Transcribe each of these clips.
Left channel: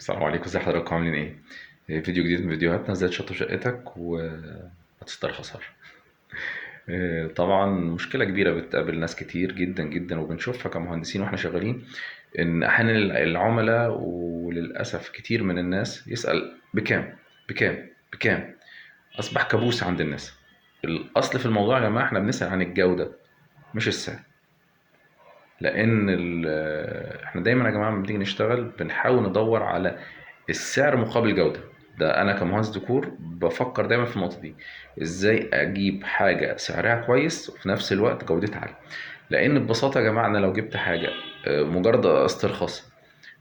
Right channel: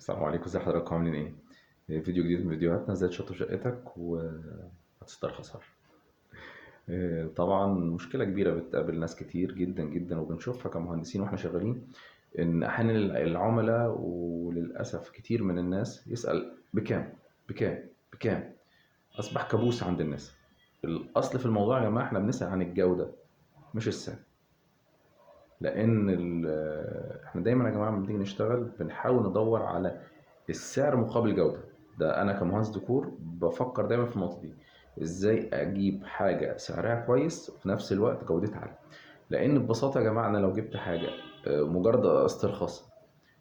السلام عليكم، ازي حضراتكم عاملين ايه؟ فيديو جديد من فيديوهاتنا ازاي تشطب شقتك وما تسترخصهاش. طبعا مشكلة كبيرة بتقابل ناس كتير جدا جدا وبنشوفها كمهندسين واحنا شغالين، ان احيانا العملاء وللاسف كتير من الناس يسأل بكام بكام. اصبح كابوس عند الناس. الاصل في الموضوع يا جماعة احنا بنسأل عن الجودة مش السعر. لان احنا دايما يا جماعه لما بنيجي نشتغل بنحاول ندور على السعر مقابل جوده. ده انا كمهندس ديكور بفكر دايما في النقطه دي، ازاي اجيب حاجه سعرها كويس وفي نفس الوقت جودتها عاليه. لان ببساطه يا جماعه انا لو جبت حاجه مجرد استرخاص،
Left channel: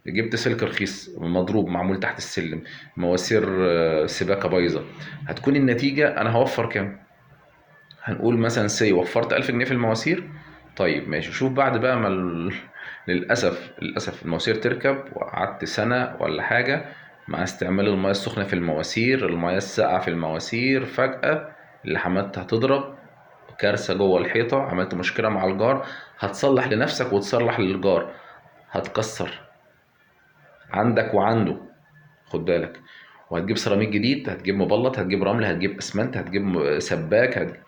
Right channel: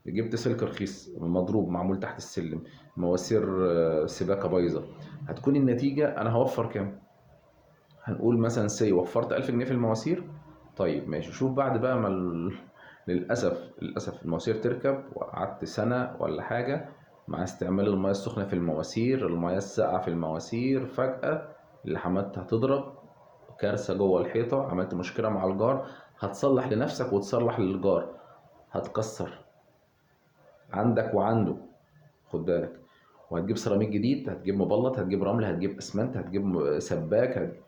جبت سلك رخيص مضروب معمول تحت السلم، مواسير سباكه بايظه، هتكون النتيجه انا هوفر كام؟ هنقول مثلا وفرت 1000 جنيه في المواسير. طيب ماشي، شوف بعد بقى ما للأسف المواسير تركب وقعدت سنة ولا حاجة مع استعمال المياه السخنة في المواسير، المياه الساقعة في المواسير، فجأة اللحامات هتضرب، كارثة جوه الحيطة، عملت مشكلة مع الجار. هتصلح لنفسك وتصلح للجار، هتكسر عندك وعنده، خد بالك. وهتجيب سيراميك جديد، هتجيب مبلط، هتجيب رمل، هتجيب اسمنت، هتجيب سباك،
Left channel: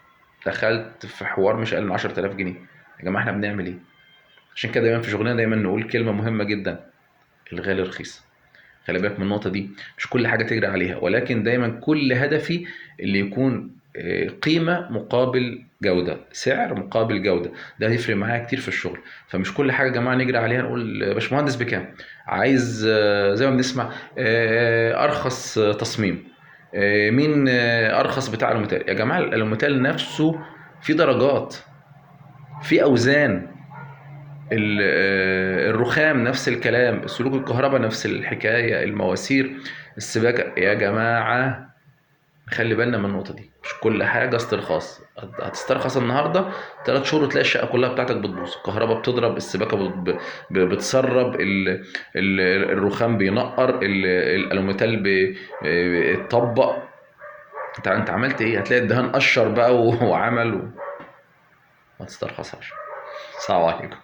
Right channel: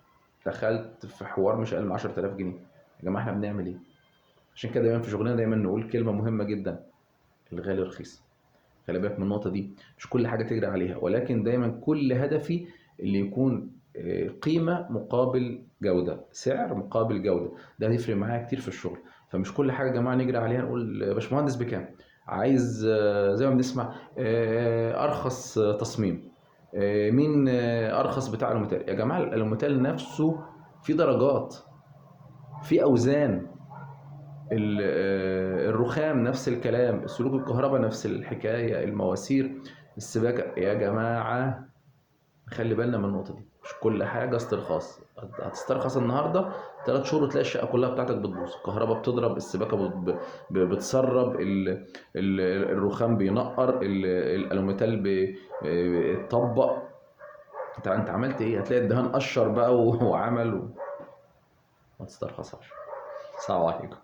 دخلت في حوار مش اقل من 10000 جنيه. يا جماعه احنا بنعمل ايه؟ عشان كده دايما في شغلنا دايما نقول كلمه مهمه جدا: الغالي رخيص. خلي بالك من النقطه دي، مش كل حاجه تجري عليها، ولكن دايما كل هدفي اللي يكون قيمه مقابل جوده، سعر مقابل جوده. ده هيفرق معايا كتير في الشغل. فمش كل حاجه يا جماعه نجري عليها نقول يا باشمهندس بكام، عايز زي ما بنسمع ارخص تصميم، مين ارخص بتاع الالوميتال. يا جماعه الالوميتال نفسه في درجات، في اوزان، الرخام نفس الكلام، سلوك الكهرباء نفس الحكايه، المواسير، السباكه. يا جماعه خلي بالنا من النقطه دي، مش كل حاجه استرخاص. هتسترخص النهارده 3 شهور وتلاقي الشقه كلها بتاعتك بتبوظ، الكهرباء بتضرب، السباكه بتسرب، الرخام بينقر، الالوميتال بيتطبق. انت عملت ايه؟ هتلاقي الدهان قشر بقى وعمل ما تسترخصهاش. السلام عليكم.